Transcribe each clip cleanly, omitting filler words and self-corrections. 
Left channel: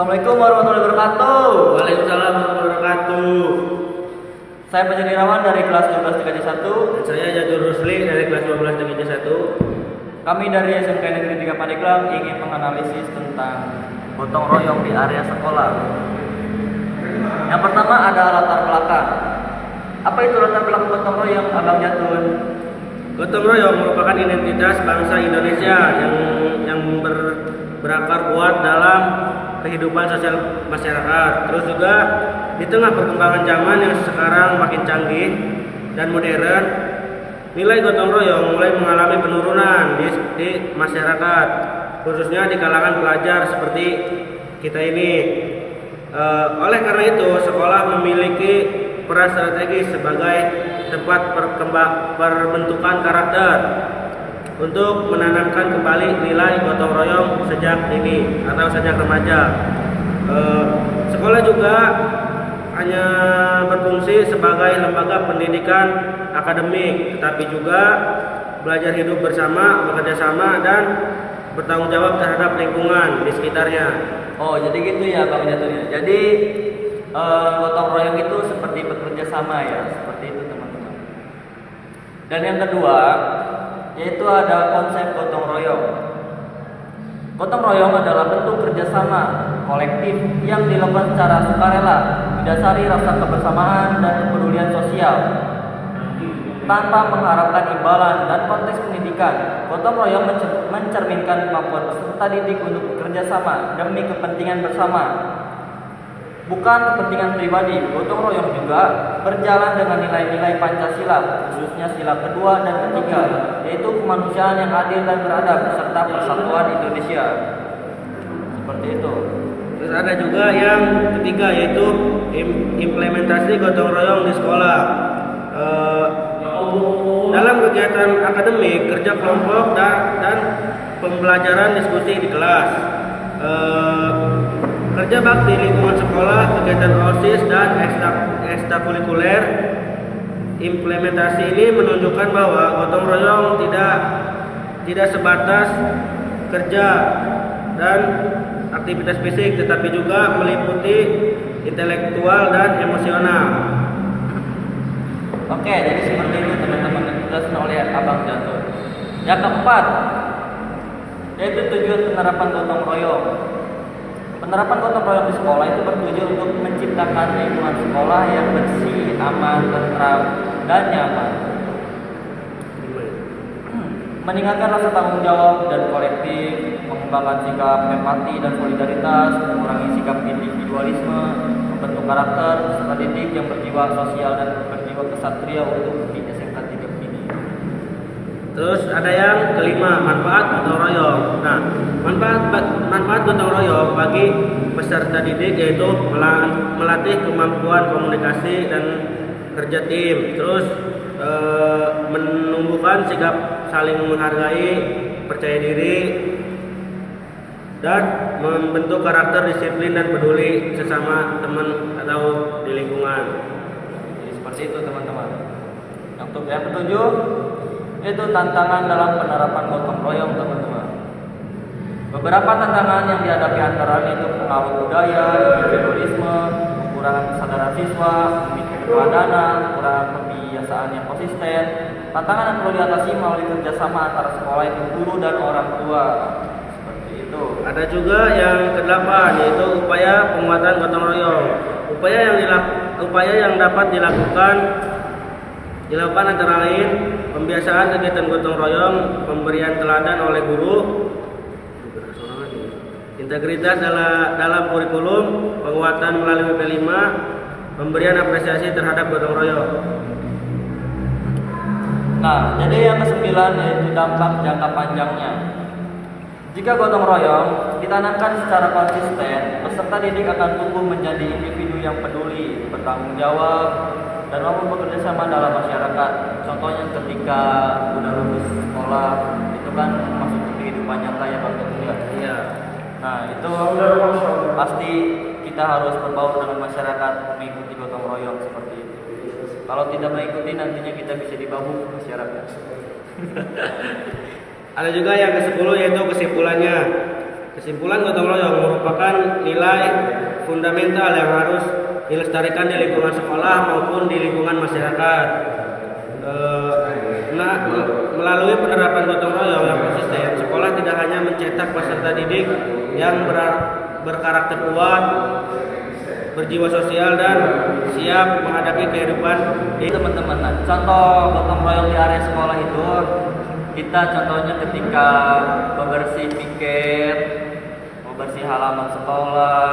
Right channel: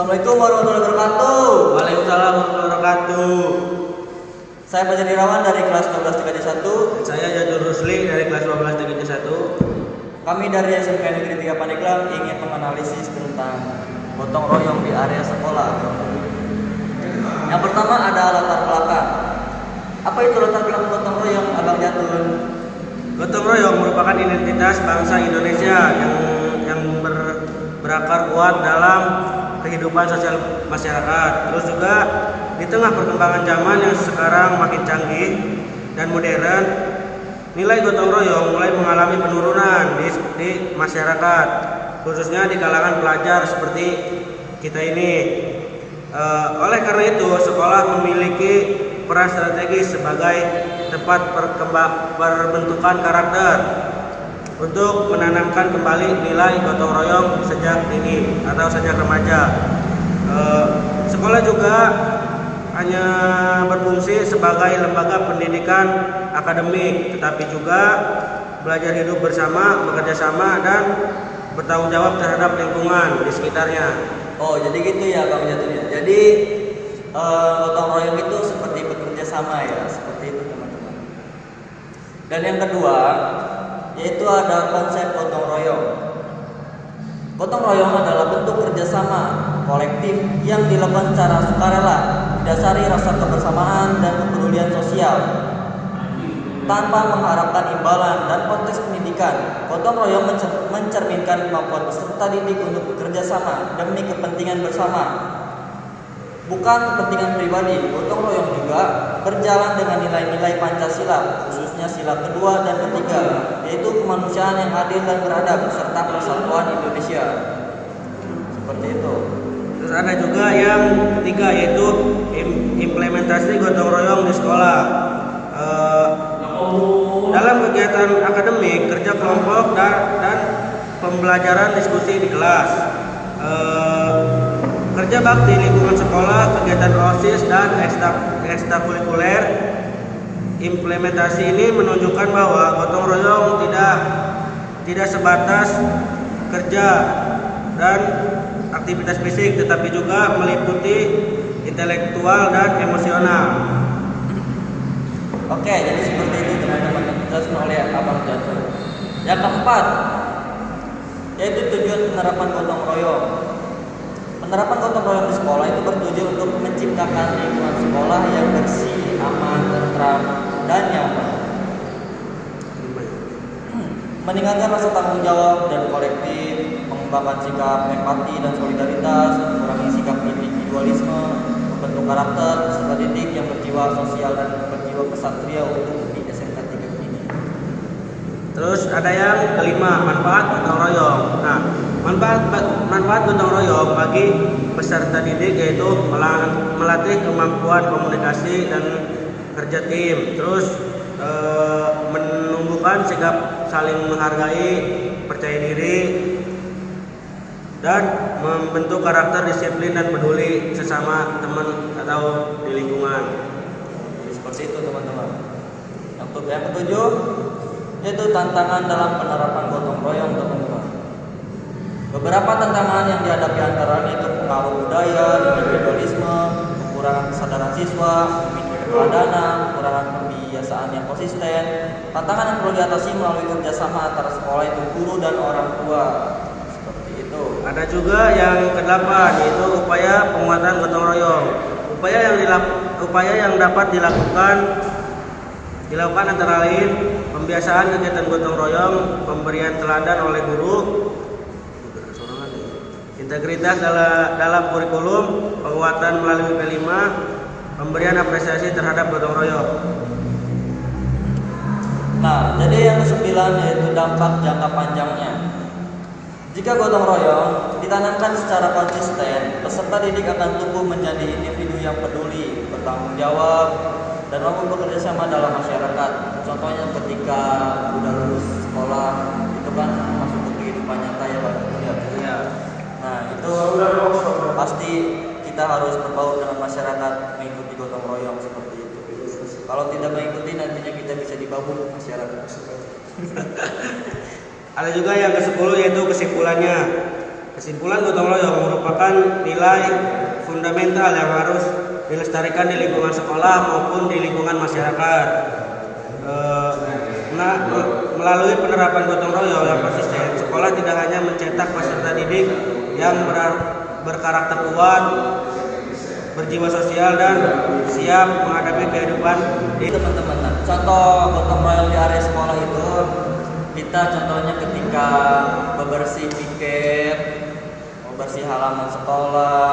Assalamualaikum warahmatullahi wabarakatuh. Waalaikumsalam warahmatullahi wabarakatuh. Saya Fajar Irawan dari kelas 12 TKJ 1. Dan saya Jajur Rusli dari kelas 12 TKJ 1. Kami dari SMK Negeri 3 Pandeglang ingin menganalisis tentang gotong royong di area sekolah. Yang pertama ada latar belakang. Apa itu latar belakang gotong royong, Abang Jatun? Gotong royong merupakan identitas bangsa Indonesia yang berakar kuat dalam kehidupan sosial masyarakat. Terus juga di tengah perkembangan zaman yang sekarang makin canggih dan modern, nilai gotong royong mulai mengalami penurunan di masyarakat, khususnya di kalangan pelajar seperti kita ini. Oleh karena itu, sekolah memiliki peran strategis sebagai tempat perbentukan karakter untuk menanamkan kembali nilai gotong royong sejak dini atau sejak remaja. Sekolah juga hanya berfungsi sebagai lembaga pendidikan akademik, tetapi juga belajar hidup bersama, bekerja sama, dan bertanggung jawab terhadap lingkungan di sekitarnya. Oh, jadi gitu ya Bang Jatun. Jadi gotong royong itu seperti bekerja sama ya, seperti itu teman-teman. Dan yang kedua yaitu ada konsep gotong royong. Gotong royong adalah bentuk kerjasama kolektif yang dilakukan secara sukarela, didasari rasa kebersamaan dan kepedulian sosial, tanpa mengharapkan imbalan dan konteks pendidikan. Gotong royong mencerminkan kemampuan peserta didik untuk bekerja sama demi kepentingan bersama, bukan kepentingan pribadi. Gotong royong juga berjalan dengan nilai-nilai Pancasila, khususnya sila kedua dan ketiga, yaitu kemanusiaan yang adil dan beradab serta persatuan Indonesia. Seperti itu. Terus ada juga yang ketiga, yaitu implementasi gotong royong di sekolah. Dalam kegiatan akademik, kerja kelompok dan pembelajaran diskusi di kelas, kerja bakti lingkungan sekolah, kegiatan OSIS dan ekstrakurikuler. Implementasi ini menunjukkan bahwa gotong royong tidak sebatas kerja dan aktivitas fisik, tetapi juga meliputi intelektual dan emosional. Oke, jadi seperti itu teman-teman yang dijelaskan oleh Abang Jatun. Yang keempat, yaitu tujuan penerapan gotong royong. Penerapan gotong royong di sekolah itu bertujuan untuk menciptakan lingkungan sekolah yang bersih, aman, tentram, dan nyaman. Meningkatkan rasa tanggung jawab dan kolektif, mengembangkan sikap empati dan solidaritas, mengurangi sikap individualisme, membentuk karakter peserta didik yang berjiwa sosial dan berjiwa kesatria untuk di SMK 3 ini. Terus ada yang kelima, manfaat gotong royong. Nah, manfaat gotong royong bagi peserta didik yaitu melatih kemampuan komunikasi dan kerja tim. Terus menumbuhkan sikap saling menghargai, percaya diri, dan membentuk karakter disiplin dan peduli sesama teman atau di lingkungan. Jadi seperti itu teman-teman. Yang ketujuh yaitu tantangan dalam penerapan gotong royong teman-teman. Beberapa tantangan yang dihadapi antara lain itu pengaruh budaya, individualisme, kekurangan kesadaran siswa, keteladanan, kekurangan pembiasaan yang konsisten. Tantangan yang perlu diatasi melalui kerjasama antara sekolah itu guru dan orang tua. Seperti itu. Ada juga yang kedelapan, yaitu upaya penguatan gotong royong. Upaya yang dapat dilakukan antara lain pembiasaan kegiatan gotong royong, pemberian teladan oleh guru, integritas dalam kurikulum, penguatan melalui P5, pemberian apresiasi terhadap gotong royong. Nah, jadi yang kesembilan yaitu dampak jangka panjangnya. Jika gotong royong ditanamkan secara konsisten, peserta didik akan tumbuh menjadi individu yang peduli, bertanggung jawab, dan mampu bekerja sama dalam masyarakat. Contohnya ketika sudah lulus sekolah, itu kan masuk ke kehidupan nyata ya Bang. Iya. Nah, itu pasti kita harus berbaur dengan masyarakat, mengikuti gotong royong seperti itu. Kalau tidak mengikuti, nantinya kita bisa dibabuk masyarakat. Ada juga yang ke-10 yaitu kesimpulannya. Kesimpulan, gotong royong merupakan nilai fundamental yang harus dilestarikan di lingkungan sekolah maupun di lingkungan masyarakat. Melalui penerapan gotong royong yang konsisten, sekolah tidak hanya mencetak peserta didik yang berkarakter kuat, berjiwa sosial, dan siap menghadapi kehidupan Jadi teman-teman, nah, contoh gotong royong di area sekolah itu kita contohnya ketika membersih piket, membersih halaman sekolah,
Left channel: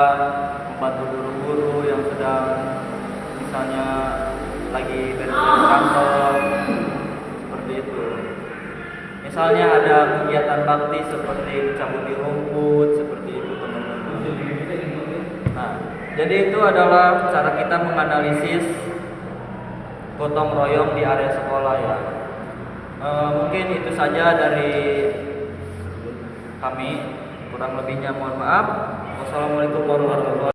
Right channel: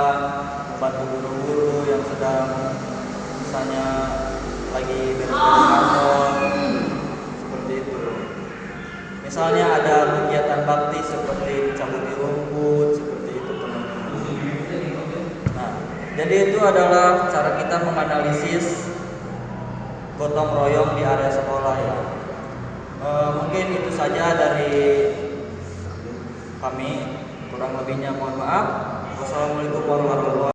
membantu guru-guru yang sedang misalnya lagi beres-beres kantor, seperti itu. Misalnya ada kegiatan bakti seperti mencabuti rumput, seperti itu teman-teman. Nah, jadi itu adalah cara kita menganalisis gotong royong di area sekolah ya. Mungkin itu saja dari kami. Kurang lebihnya mohon maaf. Wassalamualaikum warahmatullahi wabarakatuh.